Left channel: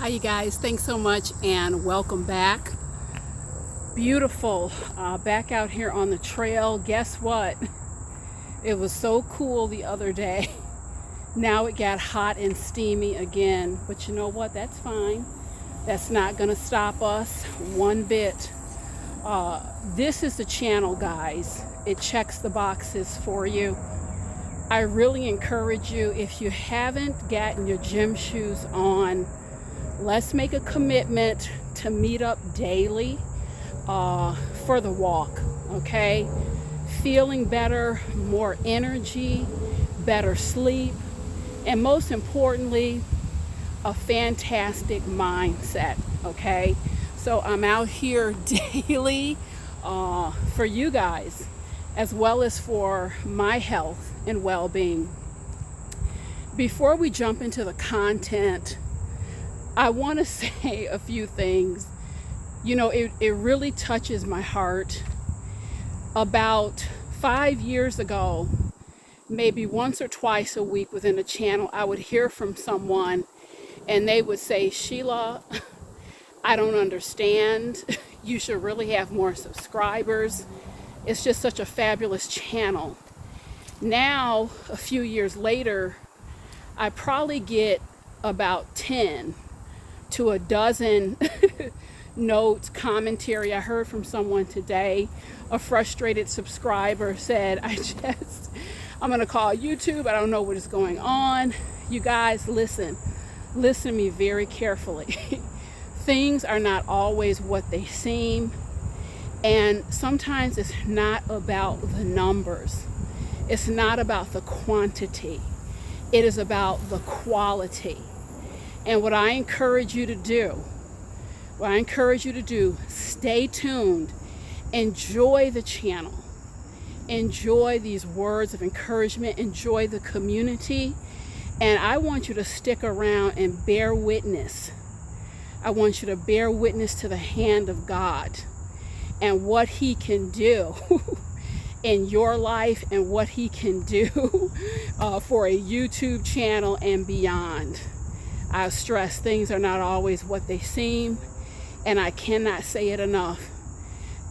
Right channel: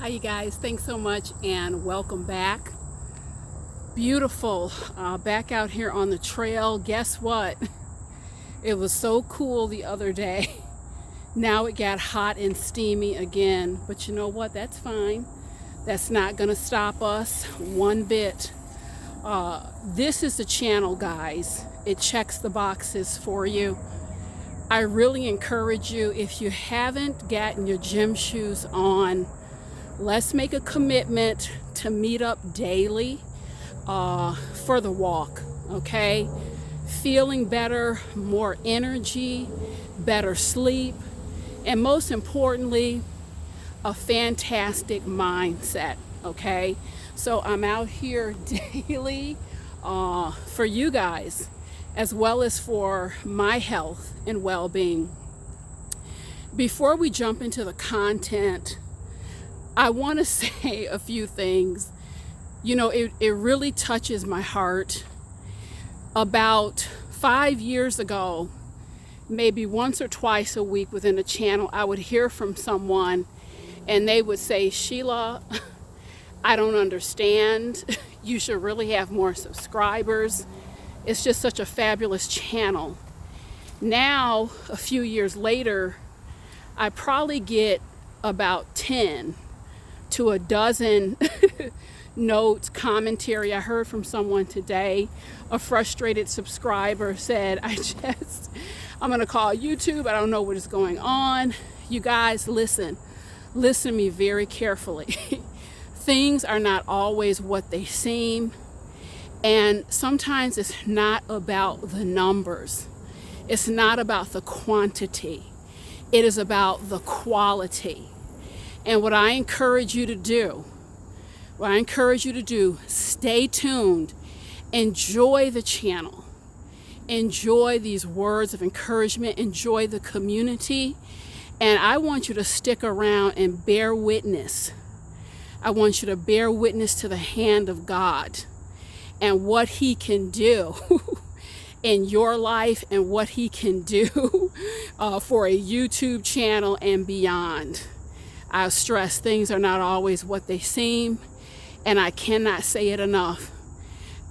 Hi you guys, thanks so much and welcome back. Beautiful, back out here on the trail. Guess what? It was so cool the other day. Now it got hot and steamy again, but you know what? That's fine. That's not gonna stop us one bit. This is the channel, guys. It checks the boxes for you. I really encourage you, if you haven't gotten your gym shoes on, let's make a commitment to meet up daily for the walk, okay? Feeling better, more energy, better sleep, and most importantly, a fantastic mindset, okay? So I'm out here daily for you guys, as well as for my health and well-being. Before we jump into the content, I want to say a few things. You know, it really touches my heart. About 5 years ago, maybe once or twice a week within the channel, I would hear from someone and they would say, Sheila, I don't understand. You should really have more subscribers. It's just such a fabulous channel. Now, a few years later, I probably get about 10 to a dozen notes, commentary. I heard from someone today, a frustrated subscriber said, I'm gonna call YouTube. I don't know what is going on. You guys, listen to me very carefully. Things are not always what they seem. And sometimes it's not about the numbers. It's not about the quantity. It is about the quality. And what I encourage you to do, stay tuned, enjoy the channel, enjoy these words of encouragement, enjoy the community, and I want you to stick around and bear witness. I want you to bear witness to the hand of God and what He can do in your life and what He can do for a YouTube channel and beyond. I stress things are not always what they seem, and I cannot say it enough.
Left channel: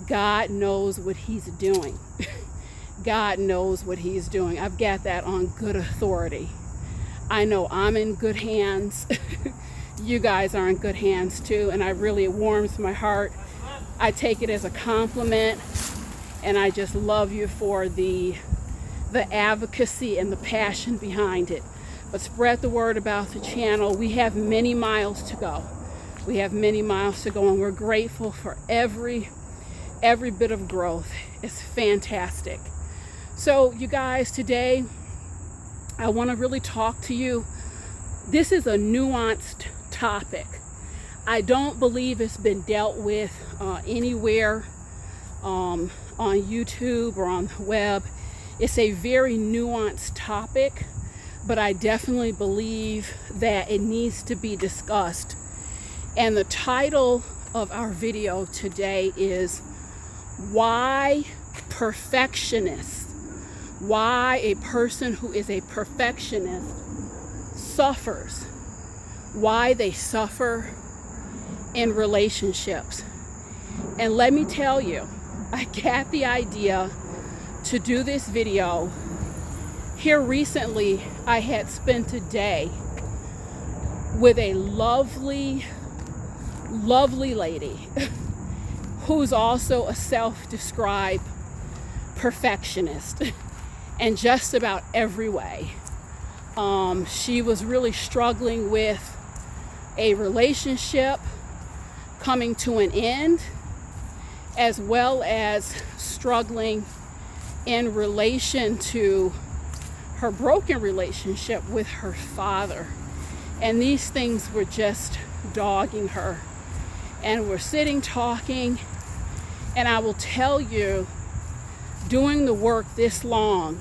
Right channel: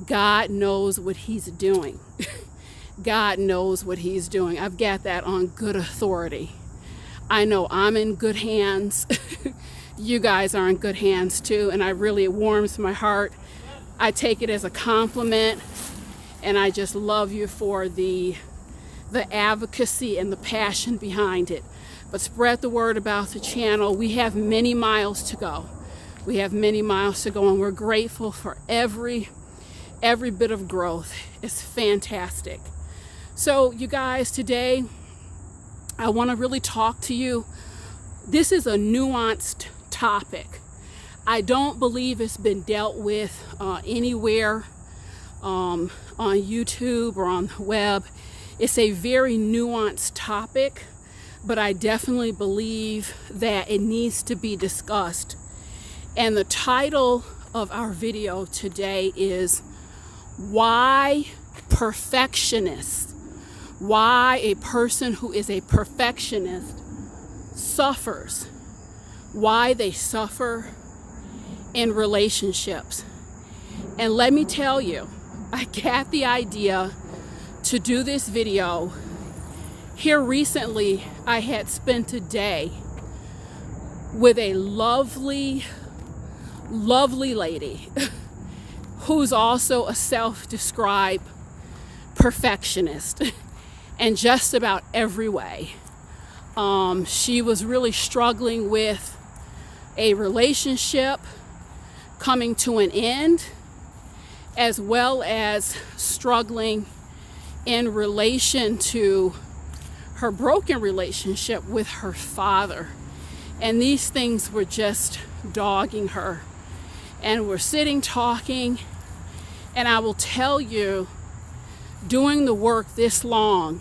God knows what He's doing. God knows what He's doing. I've got that on good authority. I know I'm in good hands. You guys are in good hands too, and it warms my heart. I take it as a compliment, and I just love you for the advocacy and the passion behind it. But spread the word about the channel. We have many miles to go. And we're grateful for every bit of growth. It's fantastic. So you guys, today I want to really talk to you. This is a nuanced topic. I don't believe it's been dealt with anywhere on YouTube or on the web. It's a very nuanced topic, but I definitely believe that it needs to be discussed. And the title of our video today is Why Perfectionists, why a person who is a perfectionist suffers, why they suffer in relationships. And let me tell you, I got the idea to do this video. Here recently, I had spent a day with a lovely lady who's also a self-described perfectionist in just about every way. She was really struggling with a relationship coming to an end, as well as struggling in relation to her broken relationship with her father. And these things were just dogging her. And we're sitting talking, and I will tell you, doing the work this long,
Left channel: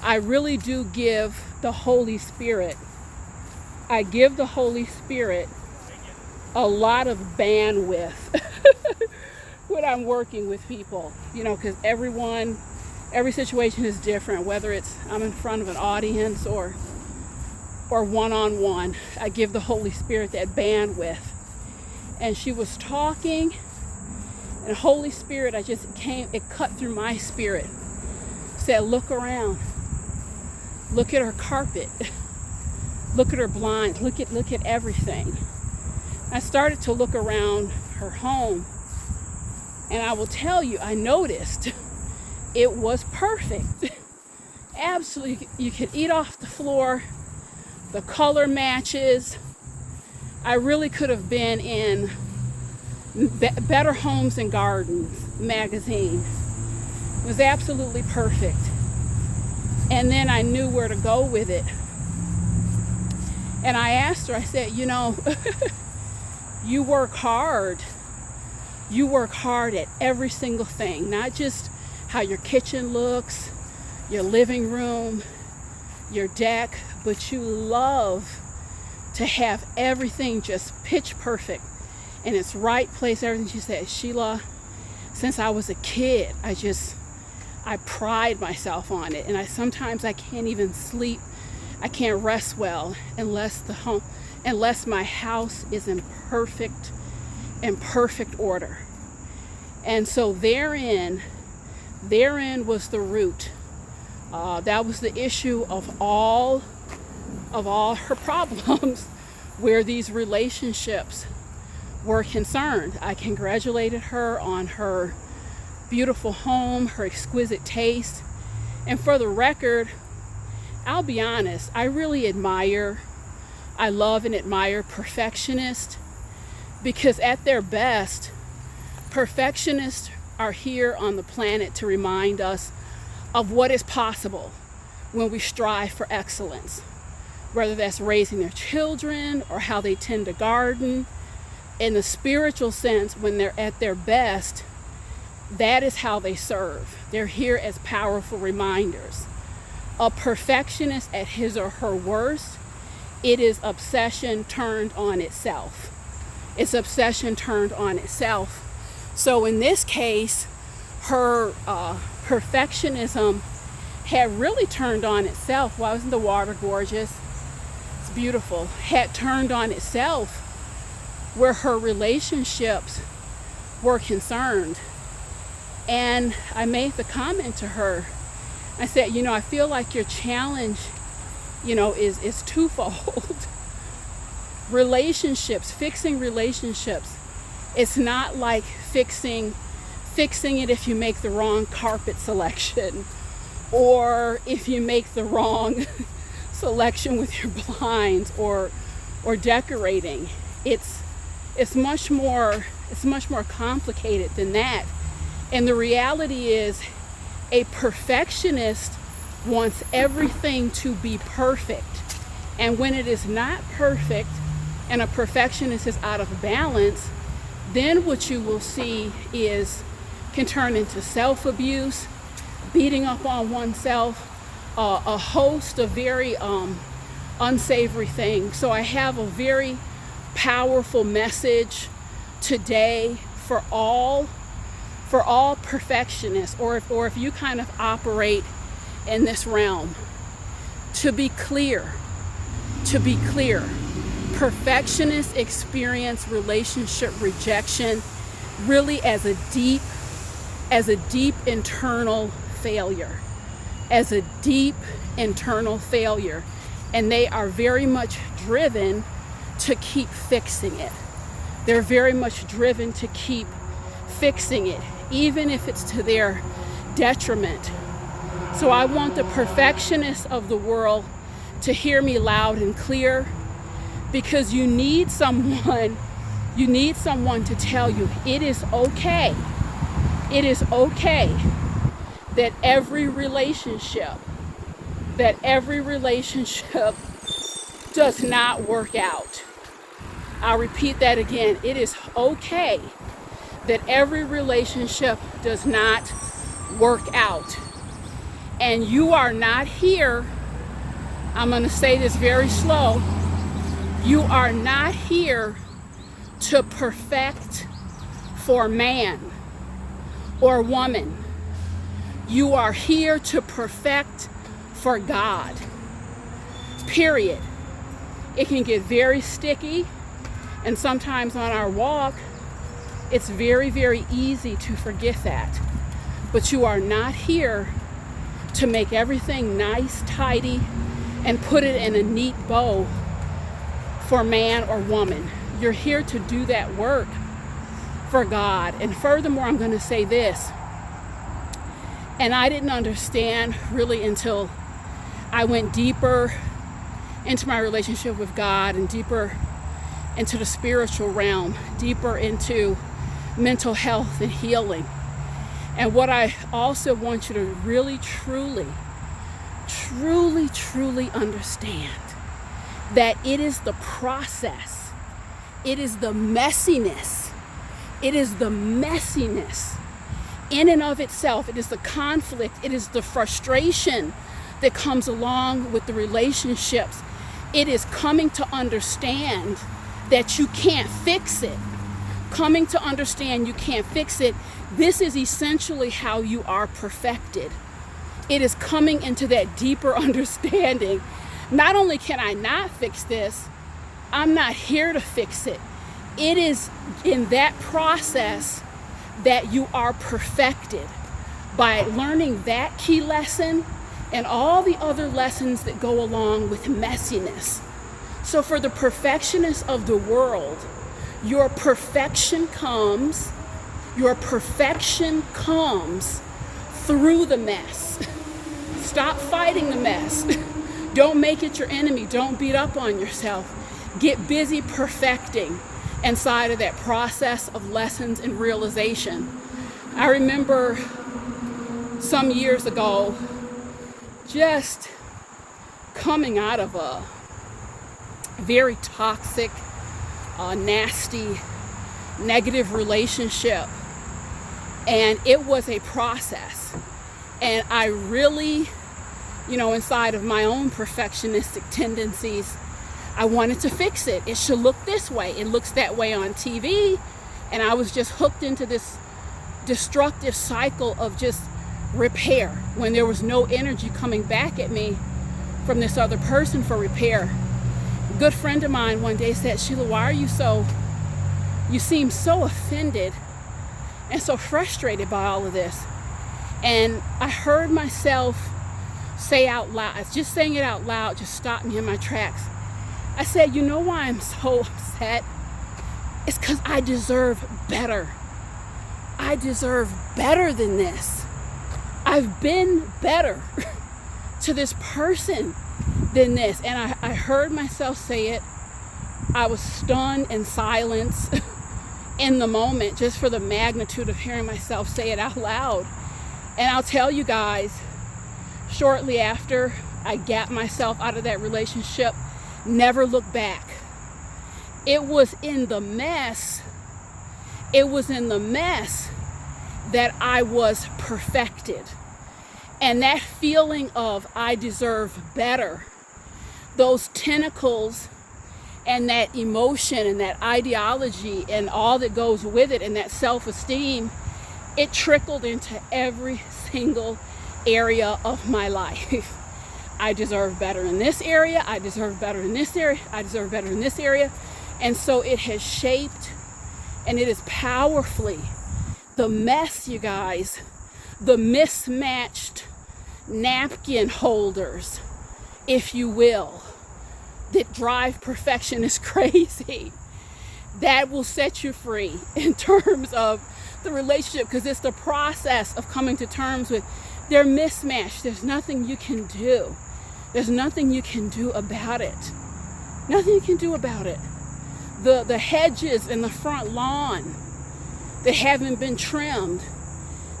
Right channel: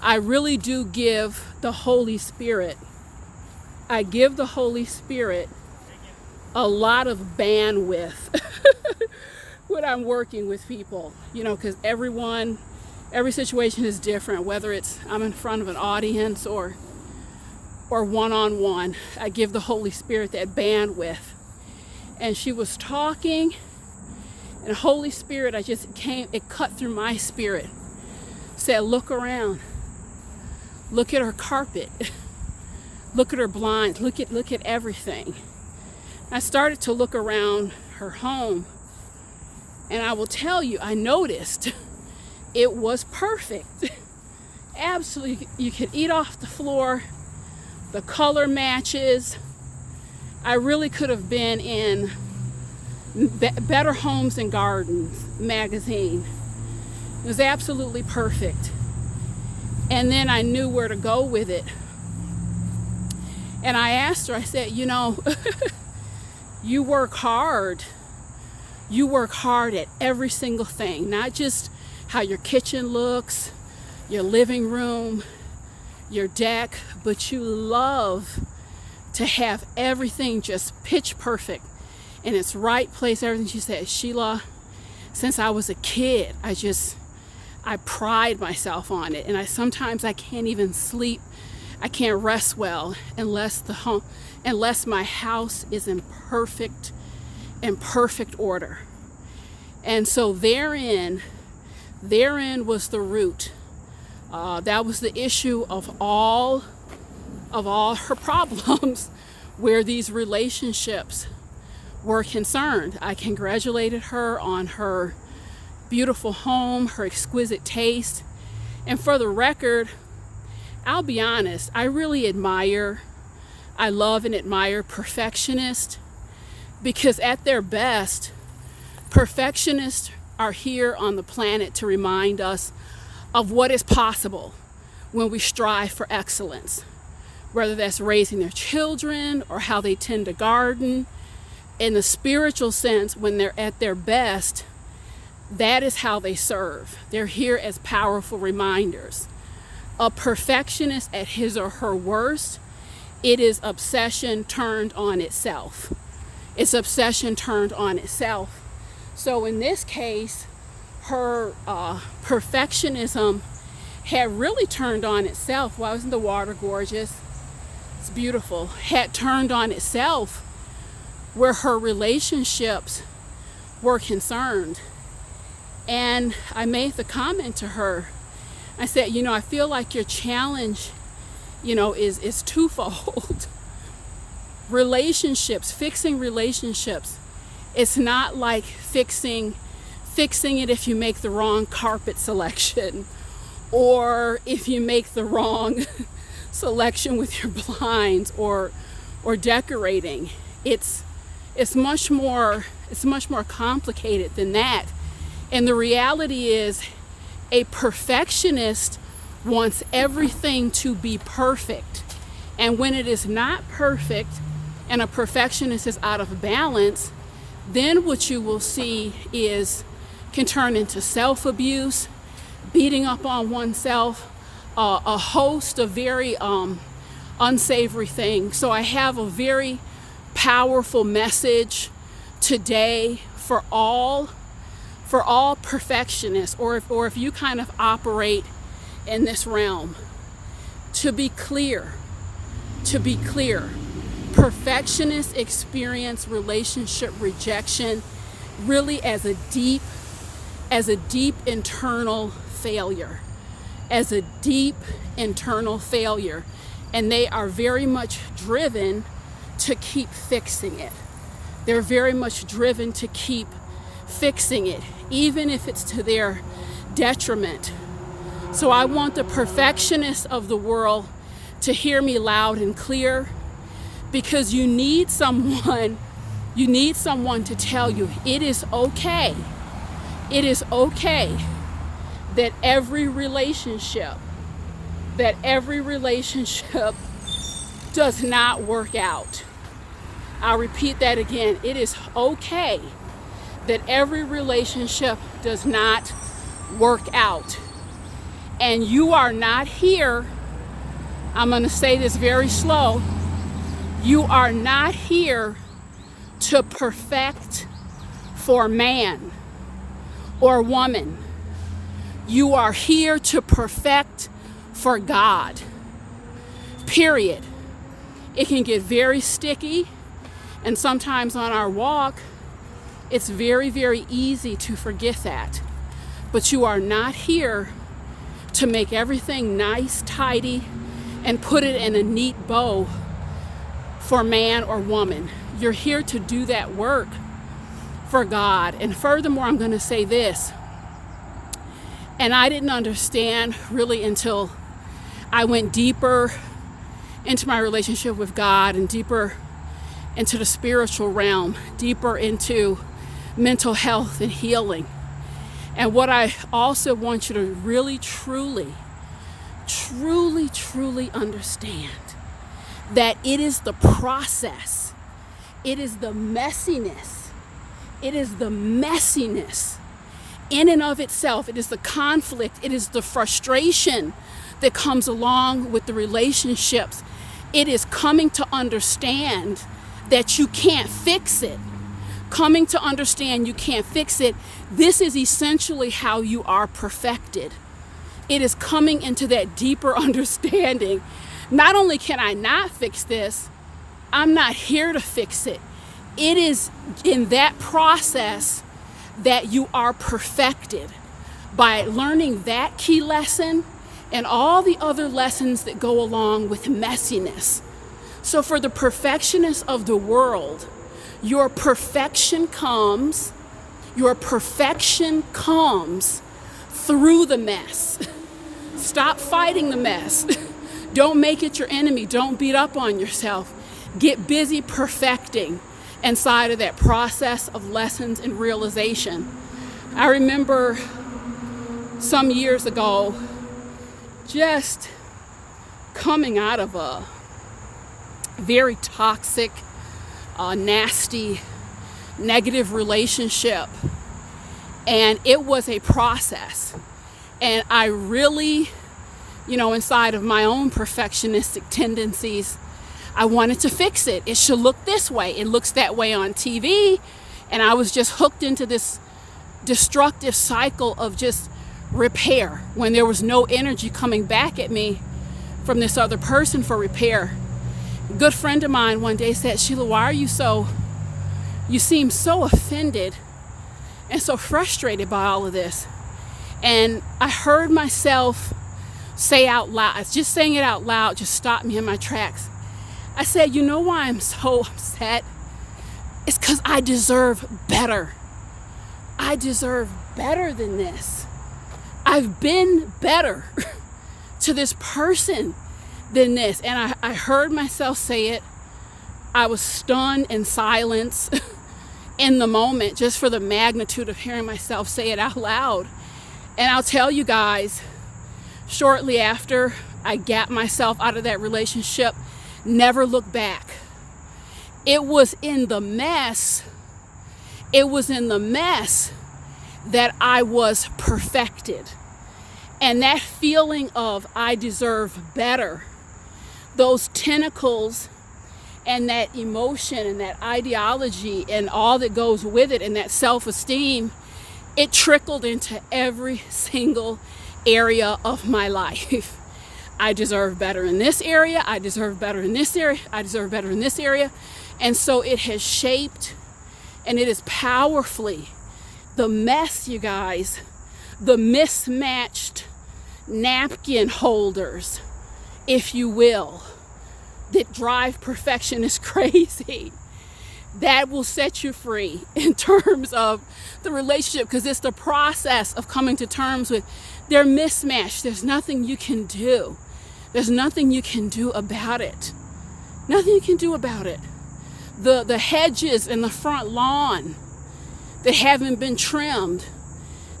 I really do give the Holy Spirit, a lot of bandwidth when I'm working with people, because every situation is different, whether it's I'm in front of an audience or or one-on-one. I give the Holy Spirit that bandwidth. And she was talking, and Holy Spirit, it cut through my spirit. Said, look around. Look at her carpet. Look at her blinds. Look at everything. I started to look around her home, and I will tell you, I noticed it was perfect. Absolutely, you could eat off the floor. The color matches. I really could have been in Better Homes and Gardens magazine. It was absolutely perfect. And then I knew where to go with it. And I asked her, I said, you work hard. You work hard at every single thing, not just how your kitchen looks, your living room, your deck, but you love to have everything just pitch perfect in its right place, everything. She said, Sheila, since I was a kid, I pride myself on it, and sometimes I can't even sleep. I can't rest well unless my house is in perfect order. And so therein was the root. That was the issue of all her problems, where these relationships were concerned. I congratulated her on her beautiful home, her exquisite taste. And for the record, I'll be honest, I love and admire perfectionists, because at their best, perfectionists are here on the planet to remind us of what is possible when we strive for excellence, whether that's raising their children or how they tend to garden. In the spiritual sense, when they're at their best, that is how they serve. They're here as powerful reminders. A perfectionist at his or her worst, it is obsession turned on itself. It's obsession turned on itself. So in this case, her perfectionism had really turned on itself. Why wasn't the water gorgeous? It's beautiful. Had turned on itself where her relationships were concerned. And I made the comment to her. I said, I feel like your challenge, is twofold. Relationships, fixing relationships. It's not like fixing it if you make the wrong carpet selection, or if you make the wrong selection with your blinds, or decorating. It's much more complicated than that. And the reality is, a perfectionist wants everything to be perfect. And when it is not perfect and a perfectionist is out of balance, then what you will see can turn into self-abuse, beating up on oneself, a host of very unsavory things. So I have a very powerful message today for all perfectionists, or if you kind of operate in this realm. To be clear, perfectionists experience relationship rejection really as a deep internal failure, and they are very much driven to keep fixing it. They're very much driven to keep fixing it, even if it's to their detriment. So I want the perfectionists of the world to hear me loud and clear, because you need someone to tell you it is okay. It is okay that every relationship does not work out. I'll repeat that again. It is okay that every relationship does not work out. And you are not here, I'm going to say this very slow, you are not here to perfect for man or woman. You are here to perfect for God. Period. It can get very sticky, and sometimes on our walk, it's very, very easy to forget that. But you are not here to make everything nice, tidy, and put it in a neat bow for man or woman. You're here to do that work for God. And furthermore, I'm going to say this, and I didn't understand really until I went deeper into my relationship with God and deeper into the spiritual realm, deeper into mental health and healing. And what I also want you to really, truly understand, that it is the process, it is the messiness in and of itself, it is the conflict, it is the frustration that comes along with the relationships. It is coming to understand that you can't fix it. Coming to understand you can't fix it. This is essentially how you are perfected. It is coming into that deeper understanding. Not only can I not fix this, I'm not here to fix it. It is in that process that you are perfected, by learning that key lesson and all the other lessons that go along with messiness. So for the perfectionists of the world, your perfection comes through the mess. Stop fighting the mess. Don't make it your enemy. Don't beat up on yourself. Get busy perfecting inside of that process of lessons and realization. I remember some years ago just coming out of a very toxic, nasty, negative relationship. And it was a process. And I really, inside of my own perfectionistic tendencies, I wanted to fix it. It should look this way. It looks that way on TV. And I was just hooked into this destructive cycle of just repair when there was no energy coming back at me from this other person for repair. A good friend of mine one day said, "Sheila, why are you seem so offended and so frustrated by all of this?" And I heard myself say out loud, just saying it out loud just stopped me in my tracks. I said, "You know why I'm so upset? It's because I deserve better. I deserve better than this. I've been better to this person than this." And I heard myself say it. I was stunned in silence in the moment, just for the magnitude of hearing myself say it out loud. And I'll tell you guys, shortly after I got myself out of that relationship, never looked back. It was in the mess that I was perfected. And that feeling of I deserve better, those tentacles and that emotion and that ideology and all that goes with it and that self-esteem, it trickled into every single area of my life. I deserve better in this area. I deserve better in this area. I deserve better in this area. And so it has shaped, and it is powerfully the mess, you guys, the mismatched napkin holders, if you will, that drive perfectionists crazy. That will set you free in terms of the relationship, because it's the process of coming to terms with they're mismatched. There's nothing you can do. There's nothing you can do about it. Nothing you can do about it. The hedges in the front lawn that haven't been trimmed,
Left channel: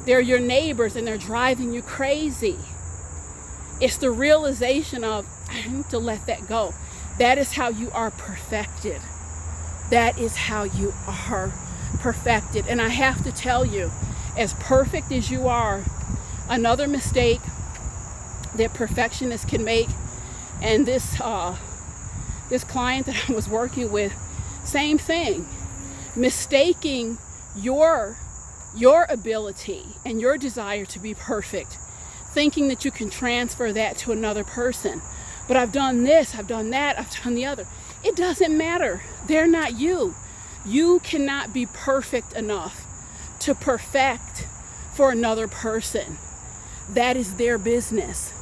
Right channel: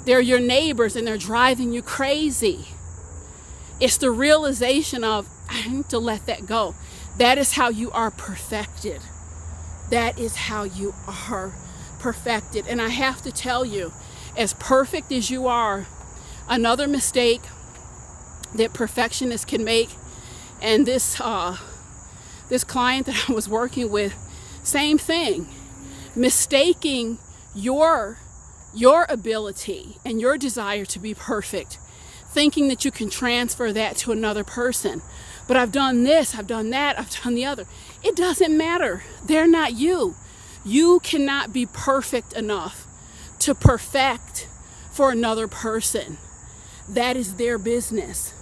they're your neighbors and they're driving you crazy. It's the realization of, I need to let that go. That is how you are perfected. That is how you are perfected. And I have to tell you, as perfect as you are, another mistake that perfectionists can make, and this client that I was working with, same thing, mistaking your ability and your desire to be perfect, thinking that you can transfer that to another person. but I've done this, I've done that, I've done the other. It doesn't matter. They're not you. You cannot be perfect enough to perfect for another person. That is their business.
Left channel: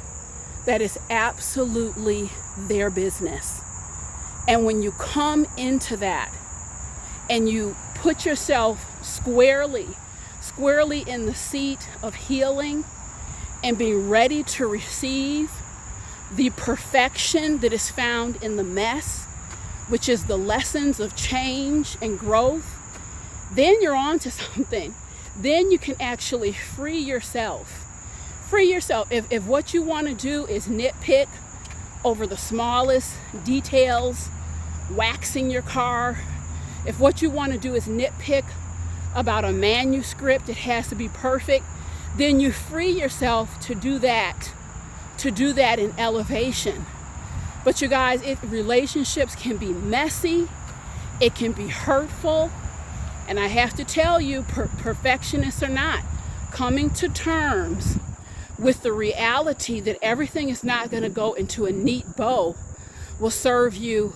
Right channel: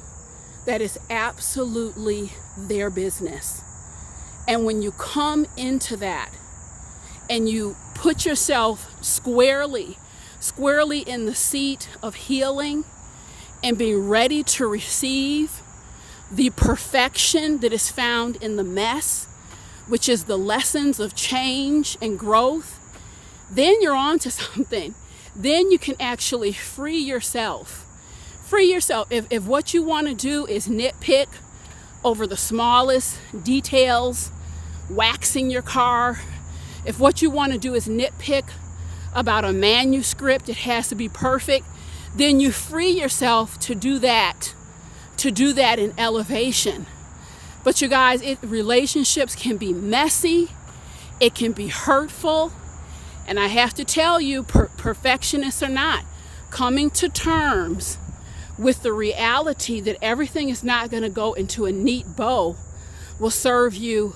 That is absolutely their business. And when you come into that and you put yourself squarely in the seat of healing and be ready to receive the perfection that is found in the mess, which is the lessons of change and growth, then you're on to something. Then you can actually free yourself. Free yourself. If what you want to do is nitpick over the smallest details, waxing your car, if what you want to do is nitpick about a manuscript, it has to be perfect, then you free yourself to do that in elevation. But you guys, relationships can be messy, it can be hurtful, and I have to tell you, perfectionists or not, coming to terms with the reality that everything is not going to go into a neat bow will serve you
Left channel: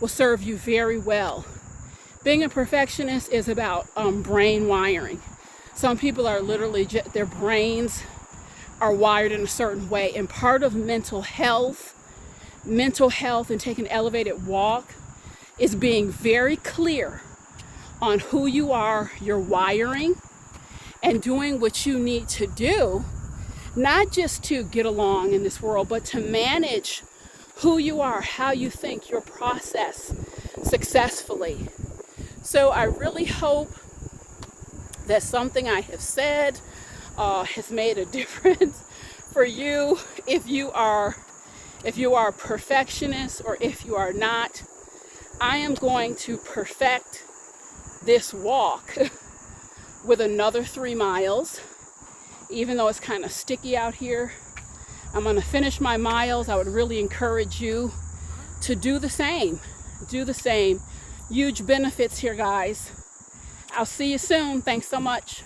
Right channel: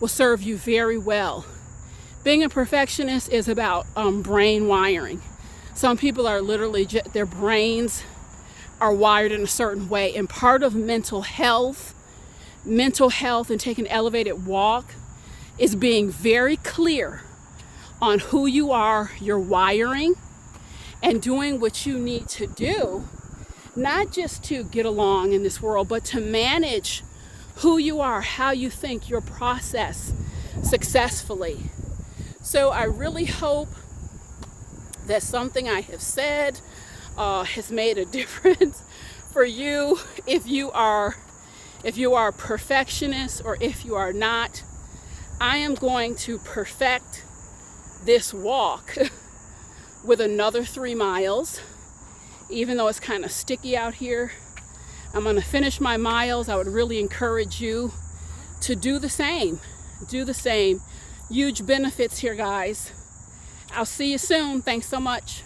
very well. Being a perfectionist is about brain wiring. Some people are literally, their brains are wired in a certain way. And part of mental health and taking an elevated walk is being very clear on who you are, your wiring, and doing what you need to do, not just to get along in this world, but to manage who you are, how you think, your process successfully. So I really hope that something I have said has made a difference for you. If you are a perfectionist or if you are not, I am going to perfect this walk with another 3 miles. Even though it's kind of sticky out here, I'm going to finish my miles. I would really encourage you to do the same. Do the same. Huge benefits here, guys. I'll see you soon. Thanks so much.